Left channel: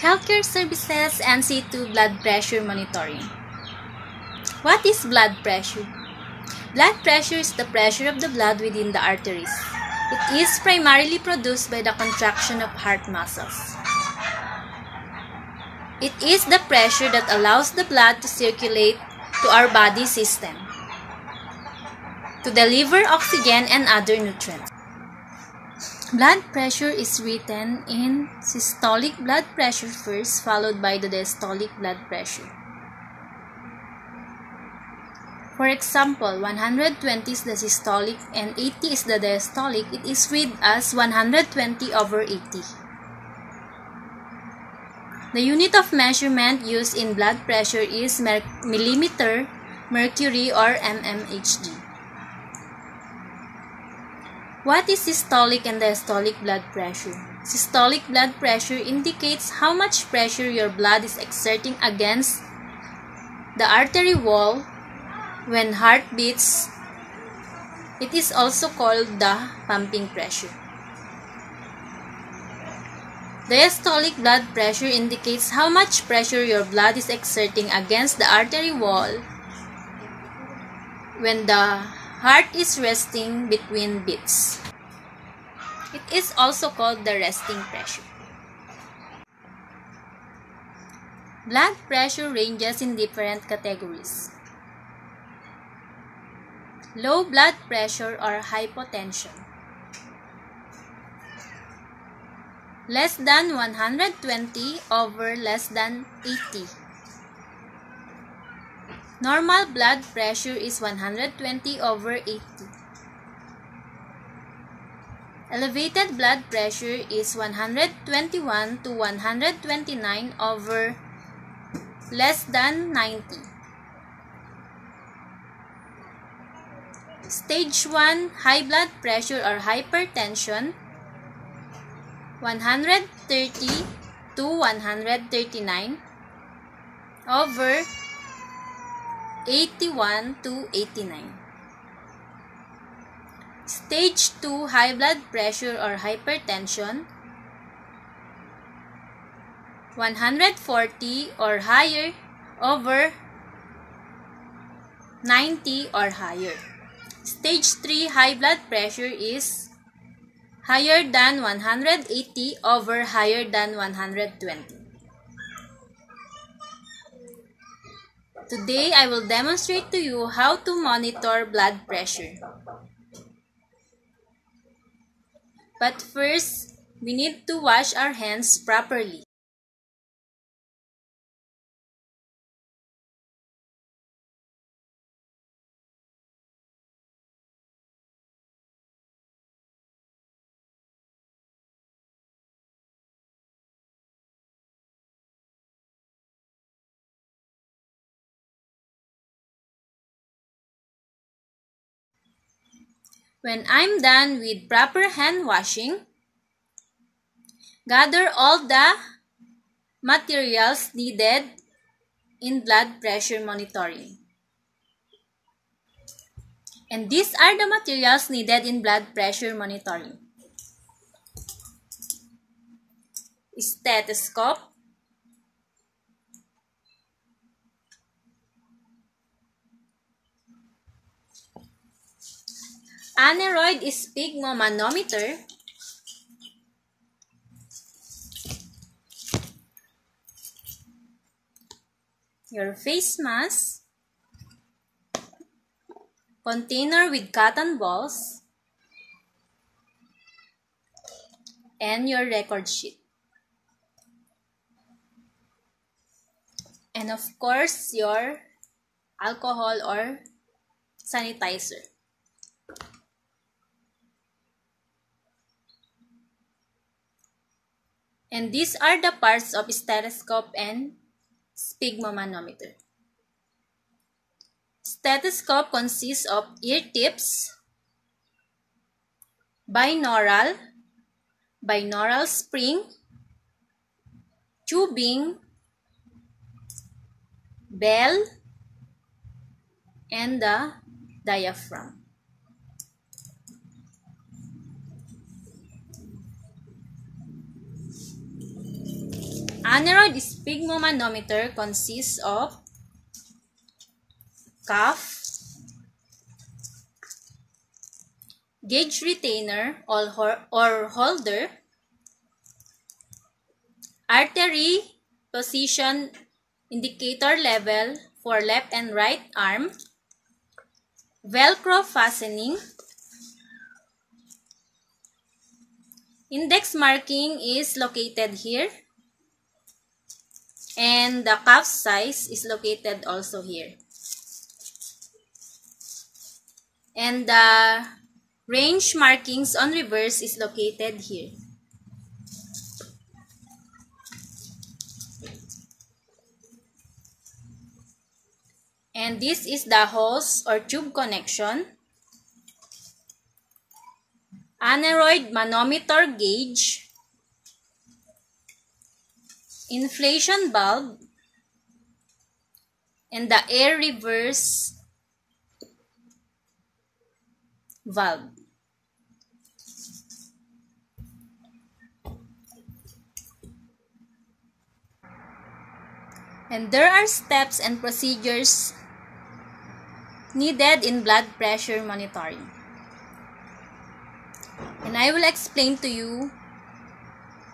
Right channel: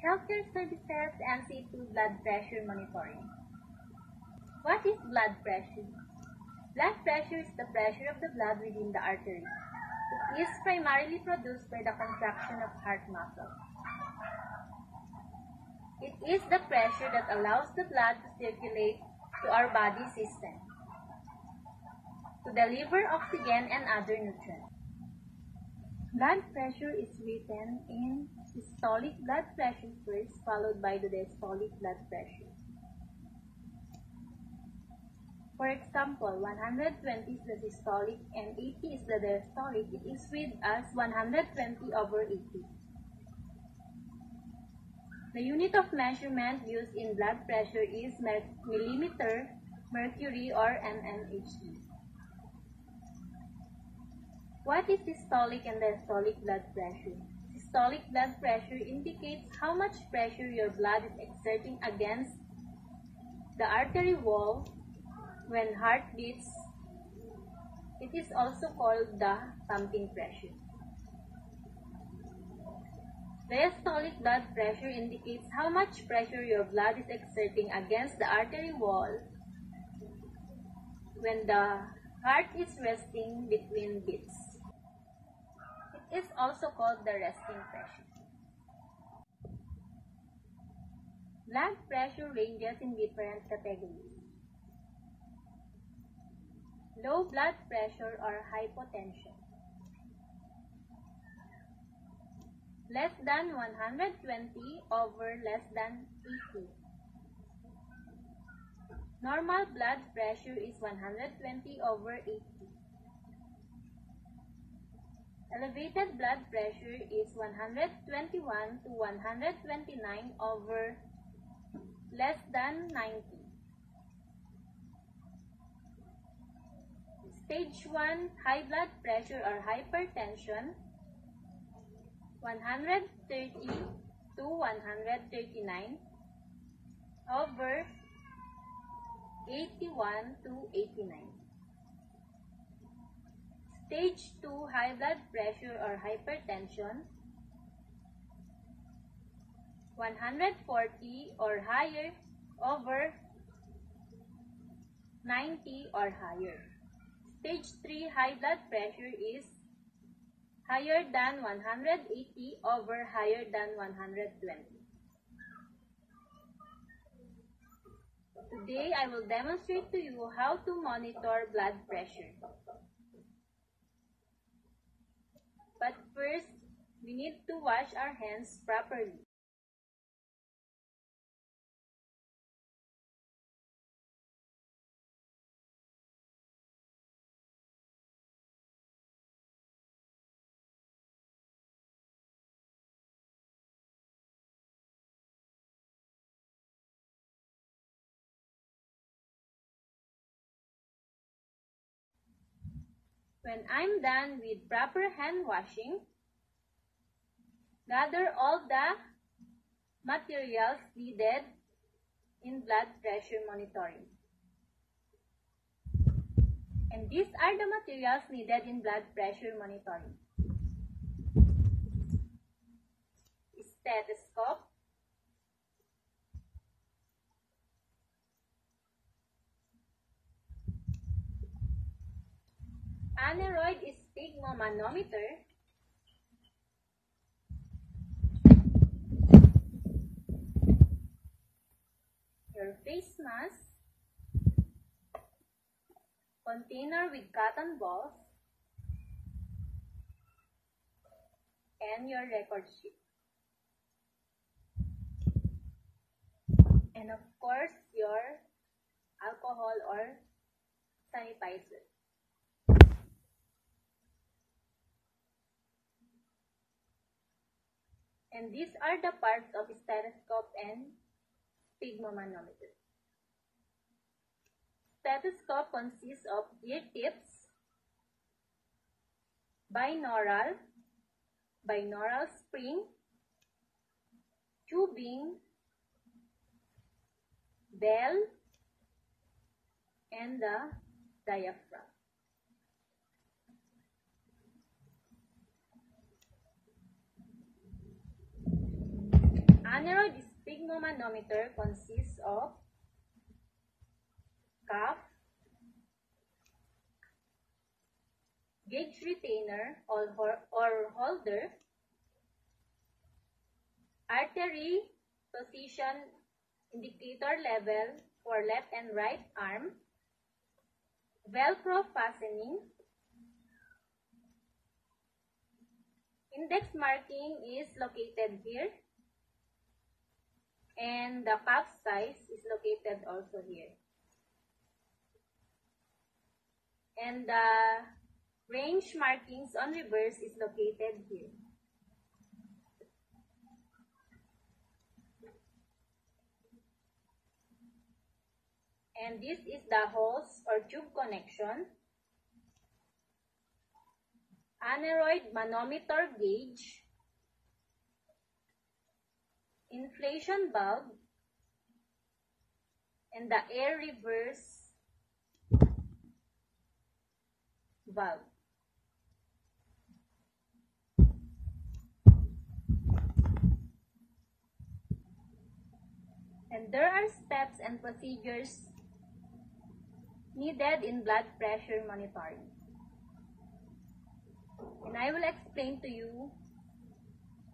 Healthcare services and C2 blood pressure monitoring. What is blood pressure? Blood pressure is the pressure of the blood within the arteries. It is primarily produced by the contraction of heart muscles. It is the pressure that allows the blood to circulate to our body system, to deliver oxygen and other nutrients. Blood pressure is written in systolic blood pressure first, followed by the diastolic blood pressure. For example, 120 is the systolic and 80 is the diastolic. It is read as 120/80. The unit of measurement used in blood pressure is millimeter mercury or mmHg. What is systolic and diastolic blood pressure? Systolic blood pressure indicates how much pressure your blood is exerting against the artery wall when heart beats. It is also called the pumping pressure. Diastolic blood pressure indicates how much pressure your blood is exerting against the artery wall when the heart is resting between beats. It is also called the resting pressure. Blood pressure ranges in different categories. Low blood pressure or hypotension. Less than 120 over less than 80. Normal blood pressure is 120/80. Elevated blood pressure is 121 to 129 over less than 90. Stage 1 high blood pressure or hypertension, 130 to 139 over 81 to 89. Stage 2 high blood pressure or hypertension, 140 or higher over 90 or higher. Stage 3 high blood pressure is higher than 180 over higher than 120. Today, I will demonstrate to you how to monitor blood pressure. But first, we need to wash our hands properly. When I'm done with proper hand washing, gather all the materials needed in blood pressure monitoring. And these are the materials needed in blood pressure monitoring. Stethoscope, aneroid sphygmomanometer, your face mask, container with cotton balls, and your record sheet. And of course, your alcohol or sanitizer. And these are the parts of stethoscope and sphygmomanometer. Stethoscope consists of ear tips, binaural spring, tubing, bell, and the diaphragm. Aneroid sphygmomanometer consists of cuff, gauge retainer or holder, artery position indicator level for left and right arm, Velcro fastening, index marking is located here, and the cuff size is located also here. And the range markings on reverse is located here. And this is the hose or tube connection, aneroid manometer gauge, inflation bulb, and the air reverse valve. And there are steps and procedures needed in blood pressure monitoring. And I will explain to you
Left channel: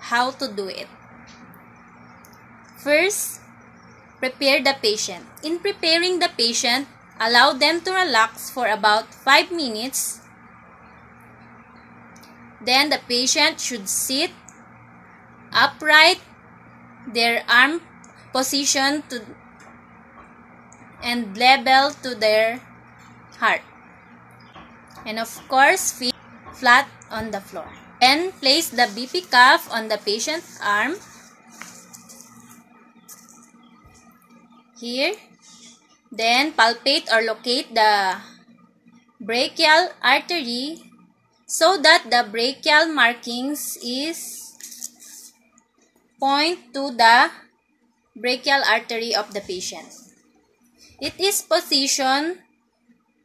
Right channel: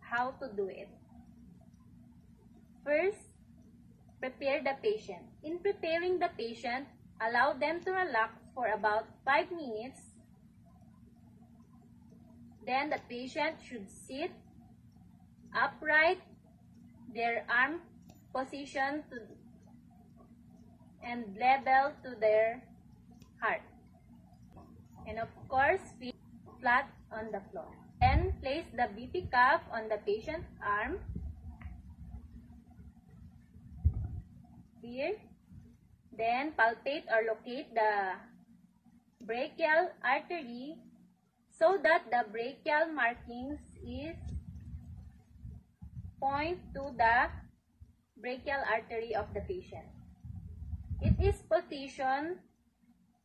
how to do it. First, prepare the patient. In preparing the patient, allow them to relax for about 5 minutes. Then the patient should sit upright, their arm position to and level to their heart. And of course, feet flat on the floor. Then place the BP cuff on the patient's arm. Here. Then palpate or locate the brachial artery so that the brachial markings is point to the brachial artery of the patient. It is positioned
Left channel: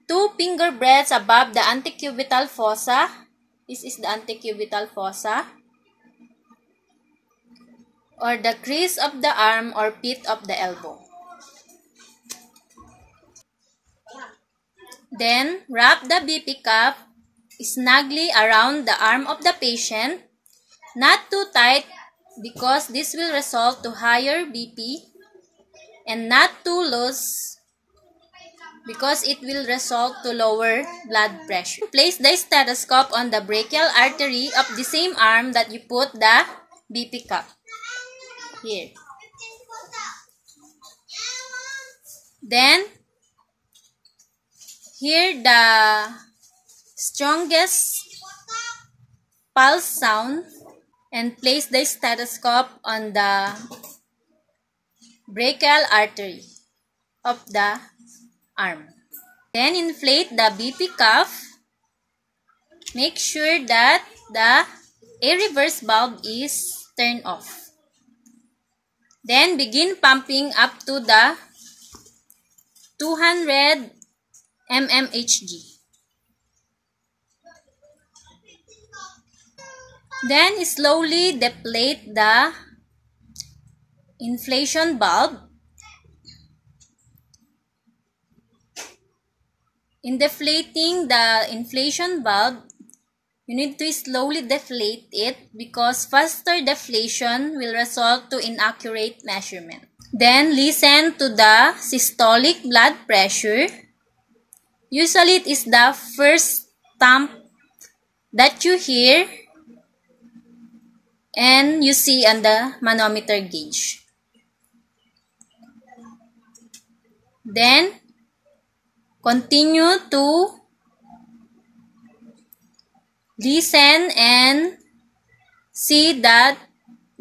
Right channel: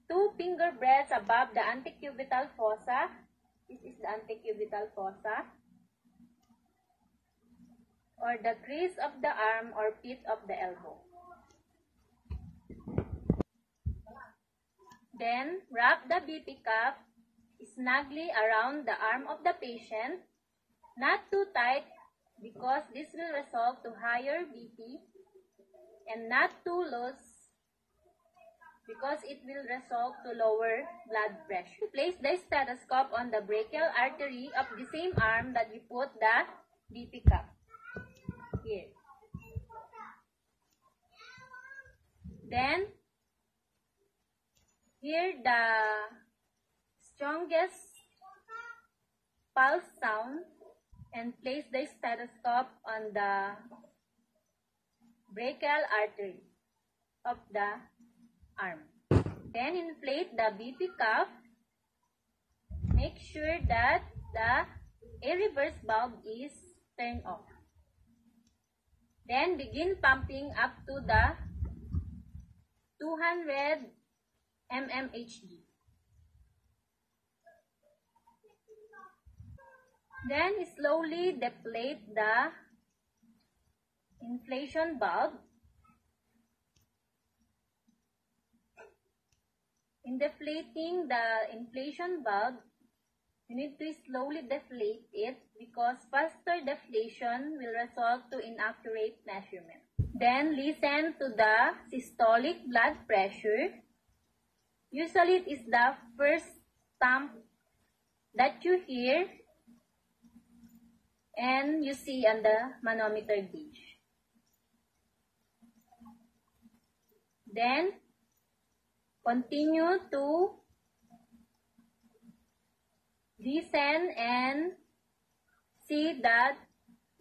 2 finger breadths above the antecubital fossa. This is the antecubital fossa, or the crease of the arm or pit of the elbow. Then, wrap the BP cuff snugly around the arm of the patient, not too tight because this will result to higher BP, and not too loose because it will result to lower blood pressure. Place the stethoscope on the brachial artery of the same arm that you put the BP cuff. Here. Then, hear the strongest pulse sound and place the stethoscope on the brachial artery of the arm. Then inflate the BP cuff. Make sure that the air reverse valve is turned off. Then begin pumping up to the 200 mmHg. Then slowly deflate the inflation valve. In deflating the inflation valve, you need to slowly deflate it because faster deflation will result to inaccurate measurement. Then listen to the systolic blood pressure. Usually it is the first thump that you hear and you see on the manometer gauge. Then continue to listen and see the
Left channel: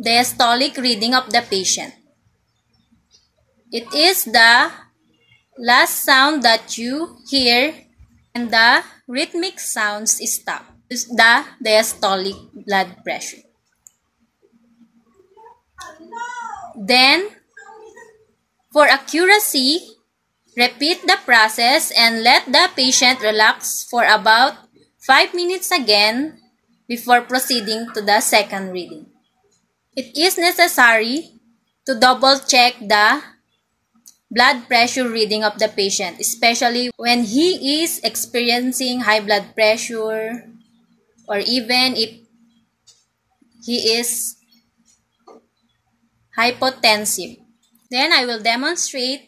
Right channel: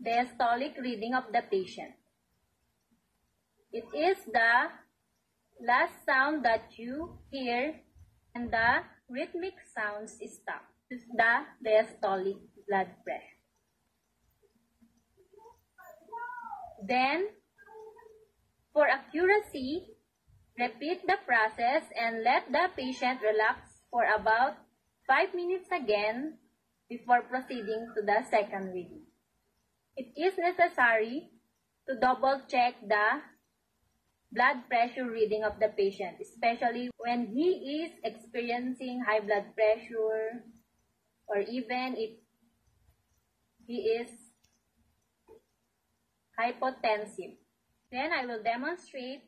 diastolic reading of the patient. It is the last sound that you hear and the rhythmic sounds stop. Is the diastolic blood pressure. Then, for accuracy, repeat the process and let the patient relax for about 5 minutes again before proceeding to the second reading. It is necessary to double check the blood pressure reading of the patient, especially when he is experiencing high blood pressure or even if he is hypotensive. Then I will demonstrate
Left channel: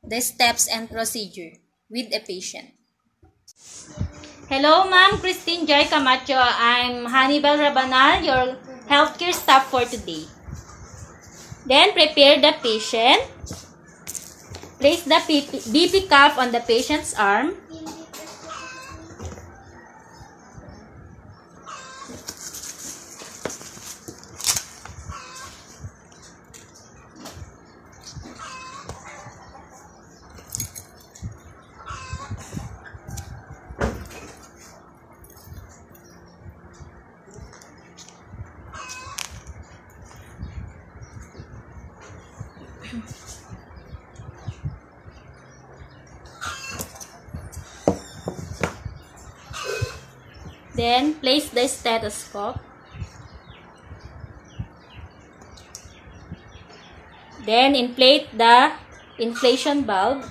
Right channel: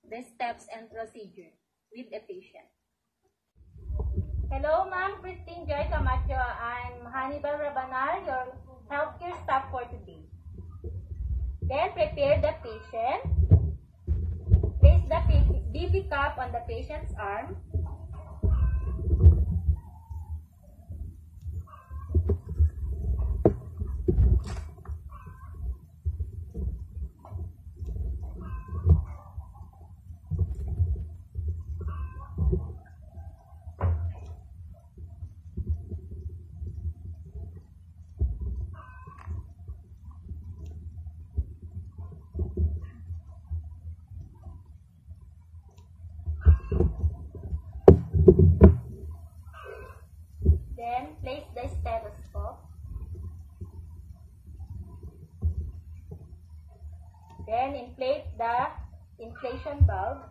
the steps and procedure with a patient. Hello, Ma'am Christine Joy Camacho. I'm Hannibal Rabanal, your healthcare staff for today. Then prepare the patient. Place the BP cuff on the patient's arm. Then place the stethoscope. Then inflate the inflation valve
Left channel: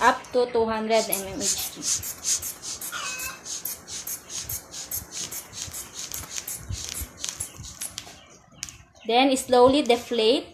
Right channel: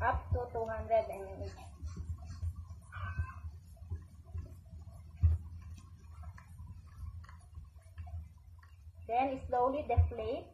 up to 200 mmHg. Then slowly deflate.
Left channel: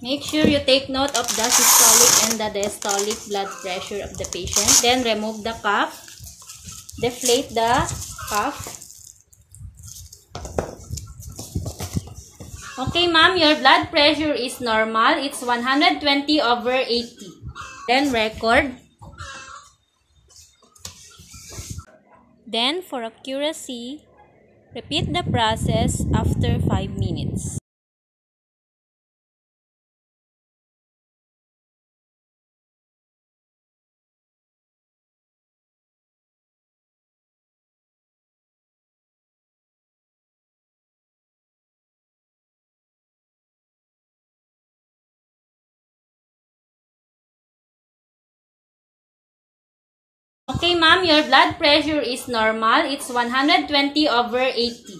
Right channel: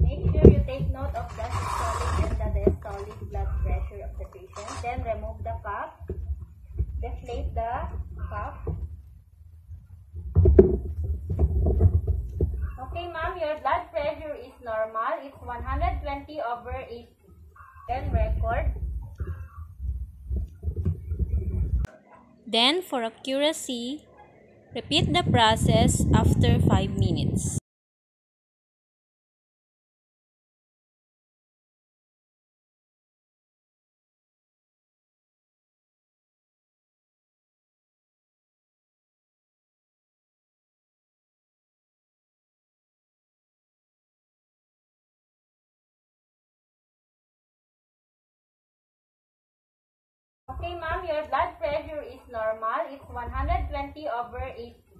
Make sure you take note of the systolic and the diastolic blood pressure of the patient. Then remove the cuff. Deflate the cuff. Okay, ma'am, your blood pressure is normal. It's 120/80. Then record. Then for accuracy, repeat the process after 5 minutes. Okay, ma'am, your blood pressure is normal. It's 120/80.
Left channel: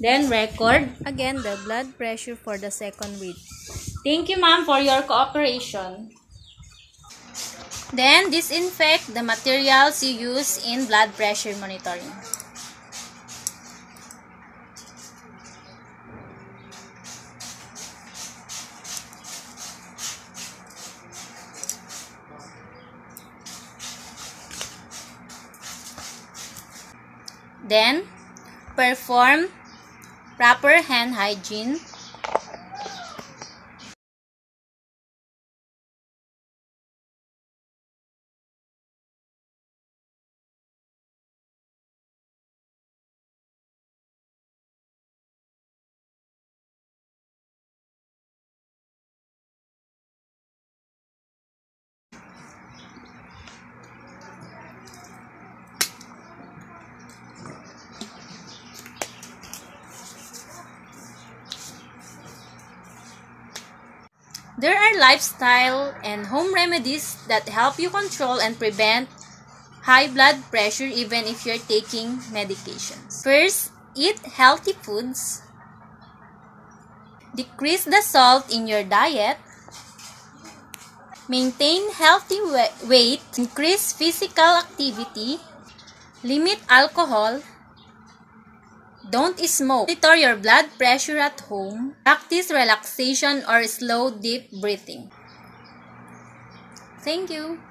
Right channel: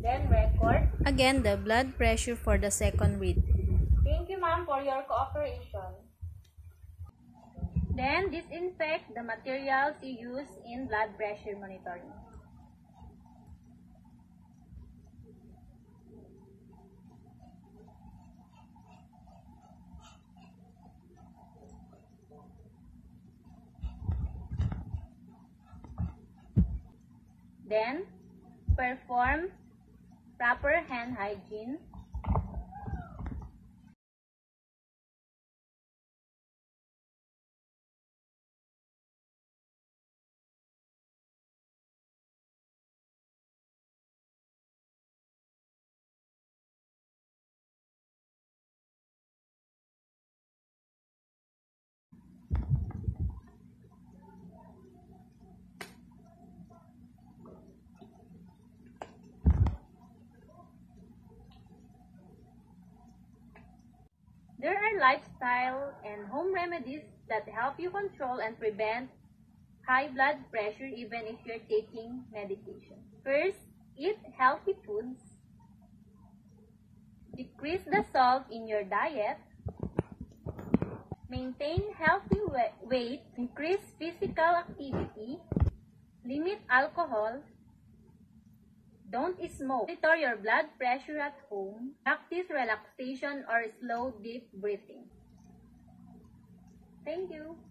Then record again the blood pressure for the second read. Thank you, ma'am, for your cooperation. Then disinfect the materials you use in blood pressure monitoring. Then perform proper hand hygiene. There are lifestyle and home remedies that help you control and prevent high blood pressure even if you're taking medications. First, eat healthy foods. Decrease the salt in your diet. Maintain healthy weight. Increase physical activity. Limit alcohol. Don't smoke. Monitor your blood pressure at home. Practice relaxation or slow deep breathing. Thank you.